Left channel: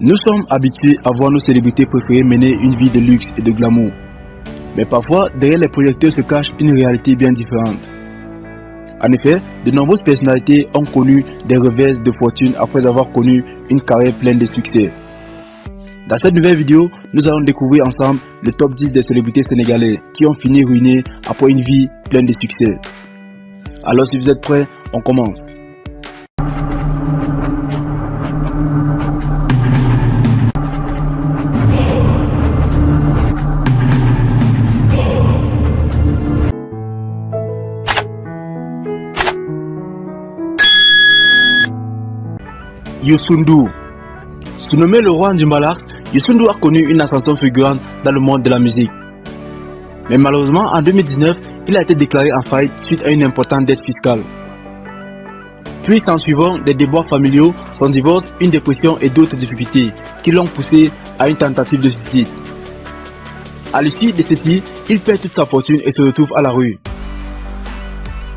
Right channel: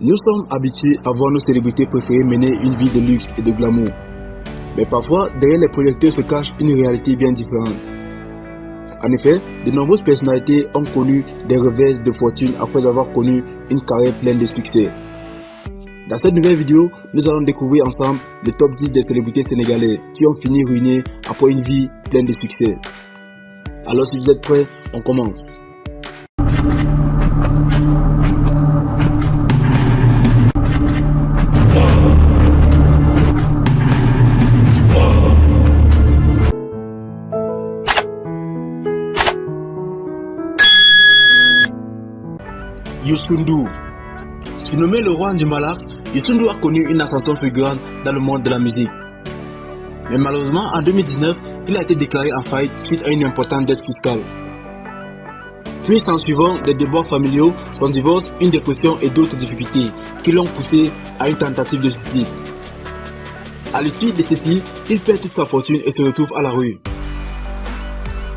Nous sommes habitués à voir nos célébrités préférées mener une vie de luxe et de glamour. Mais parfois, derrière les projecteurs se cache une réalité bien différente. En effet, de nombreuses personnalités ont connu des revers de fortune après avoir connu une carrière pleine de succès. Dans cette nouvelle vidéo, nous allons découvrir ensemble le top 10 des célébrités sénégalaises qui ont fini ruinées après une vie pleine de succès. Alors si vous êtes prêts, on commence. Youssou N'Dour. Surnommé le roi du Mbalax, Youssou N'Dour a connu une ascension fulgurante dans le monde de la musique. Mais malheureusement, en 2019, il a été déclaré en faillite suite à une importante dette fiscale. Puis s'en suivant des déboires familiaux, son divorce, une dépression et d'autres difficultés qui l'ont poussé à une tentative de suicide. À l'issue de ceci, il perd toute sa fortune et se retrouve à la rue.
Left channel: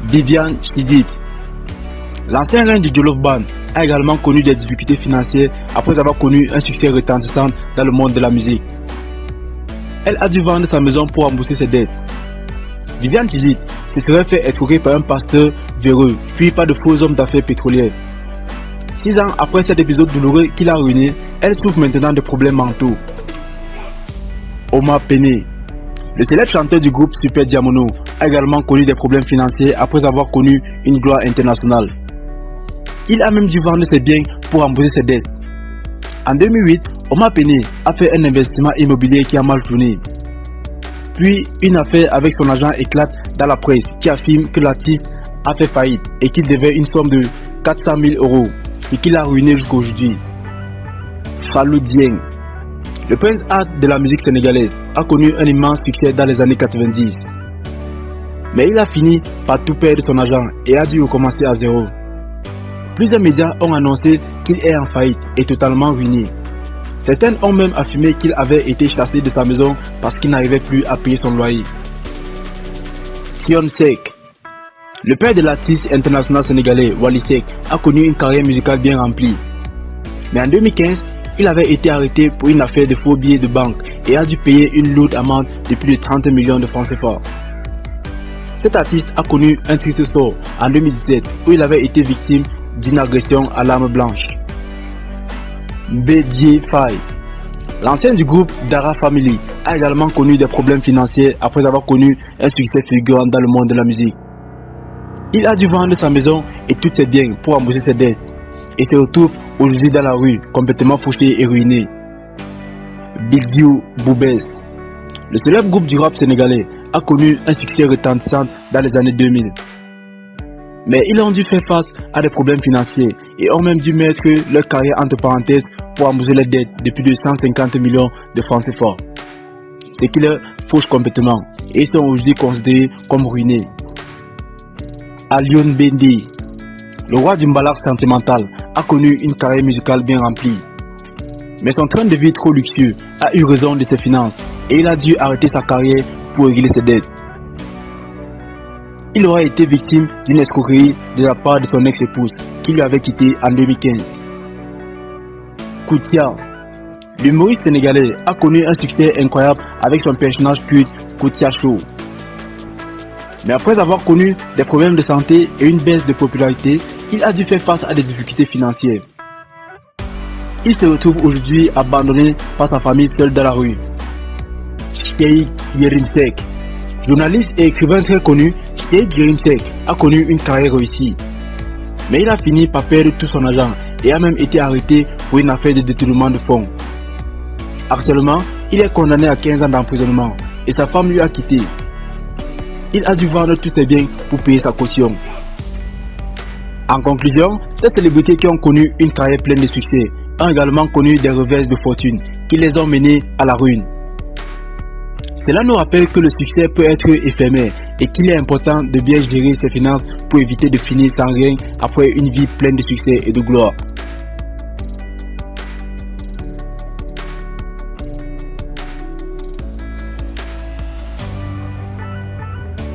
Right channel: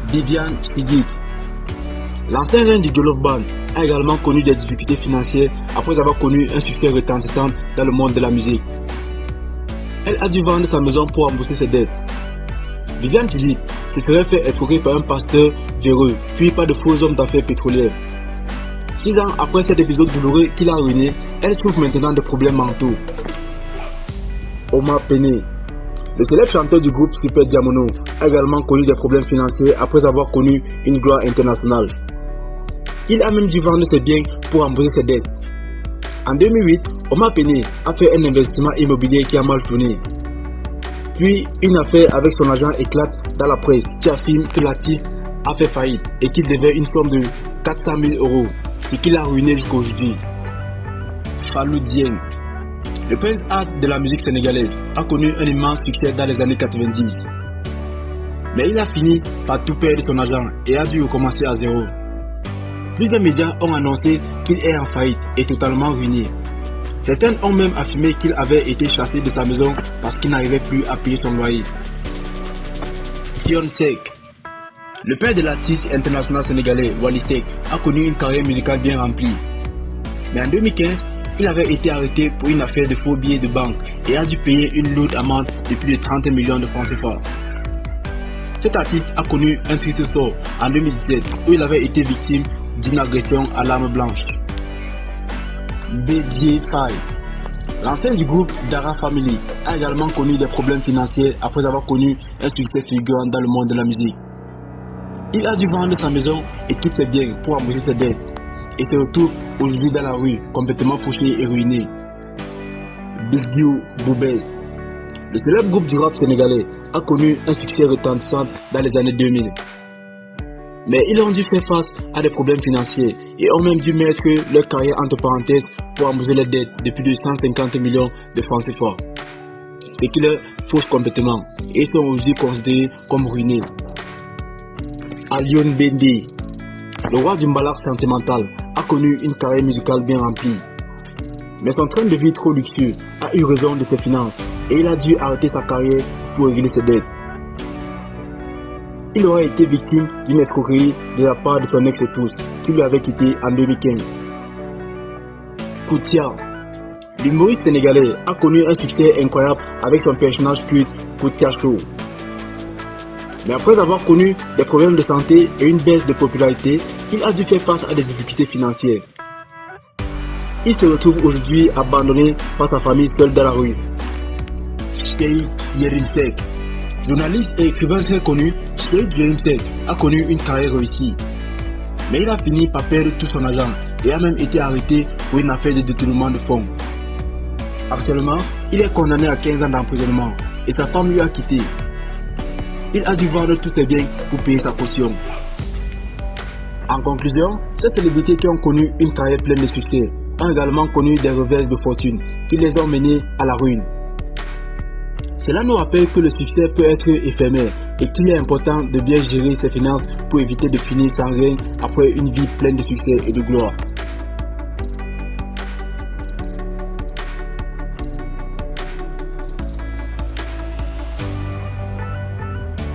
Viviane Chidid. L'ancien reine du Jolof Band a également connu des difficultés financières après avoir connu un succès retentissant dans le monde de la musique. Elle a dû vendre sa maison pour rembourser ses dettes. Viviane Chidid se serait fait escroquer par un pasteur véreux, puis par de faux hommes d'affaires pétrolières. 6 ans après cet épisode douloureux qui l'a ruiné, elle souffre maintenant de problèmes mentaux. Omar Pène. Le célèbre chanteur du groupe Super Diamono a également connu des problèmes financiers après avoir connu une gloire internationale. Il a même dû vendre ses biens pour rembourser ses dettes. En 2008, Omar Pène a fait un investissement immobilier qui a mal tourné. Puis, une affaire avec son agent éclate dans la presse qui affirme que l'artiste a fait faillite et qu'il devait une somme de 400 000 €, ce qui l'a ruiné jusqu'à aujourd'hui. Fallou Dieng. Le prince art de la musique sénégalaise a connu un immense succès dans les années 90. Mais il a fini par tout perdre son argent et a dû recommencer à zéro. Plusieurs médias ont annoncé qu'il est en faillite et totalement ruiné. Certains ont même affirmé qu'il avait été chassé de sa maison parce qu'il n'arrivait plus à payer son loyer. Thione Seck. Le père de l'artiste international sénégalais Wally Seck a connu une carrière musicale bien remplie. Mais en 2015, il avait été arrêté pour une affaire de faux billets de banque et a dû payer une lourde amende de plus de 30 millions de francs CFA. Cet artiste a connu un triste sort en 2017 où il avait été victime d'une agression à l'arme blanche. Bédié Faye. L'ancien du groupe Dara Family a également connu des problèmes financiers après avoir connu un succès fulgurant dans le monde de la musique. Il a dû vendre sa maison et tous ses biens pour rembourser ses dettes et se retrouve aujourd'hui dans la rue, complètement fauché et ruiné. Bidiou Boubès. Le célèbre groupe du rap sénégalais a connu un succès retentissant dans les années 2000. Mais ils ont dû faire face à des problèmes financiers et ont même dû mettre leur carrière entre parenthèses pour rembourser les dettes de plus de 150 millions de francs CFA. Ce qui leur fauche complètement et ils sont aujourd'hui considérés comme ruinés. Alioune Bendé. Le roi du Mbalax sentimental a connu une carrière musicale bien remplie. Mais son train de vie trop luxueux a eu raison de ses finances et il a dû arrêter sa carrière pour régler ses dettes. Il aura été victime d'une escroquerie de la part de son ex-épouse qui lui avait quitté en 2015. Koutia. L'humoriste sénégalais a connu un succès incroyable avec son personnage culte Koutia Show. Mais après avoir connu des problèmes de santé et une baisse de popularité, il a dû faire face à des difficultés financières. Il se retrouve aujourd'hui abandonné par sa famille seule dans la rue. Cheikh Yérim Seck. Journaliste et écrivain très connu, Cheikh Yérim Seck a connu une carrière réussie. Mais il a fini par perdre tout son argent et a même été arrêté pour une affaire de détournement de fonds. Actuellement, il est condamné à 15 ans d'emprisonnement et sa femme lui a quitté. Il a dû vendre tous ses biens pour payer sa caution. En conclusion, ces célébrités qui ont connu une carrière pleine de succès ont également connu des revers de fortune qui les ont menés à la ruine. Cela nous rappelle que le succès peut être éphémère et qu'il est important de bien gérer ses finances pour éviter de finir sans rien après une vie pleine de succès et de gloire.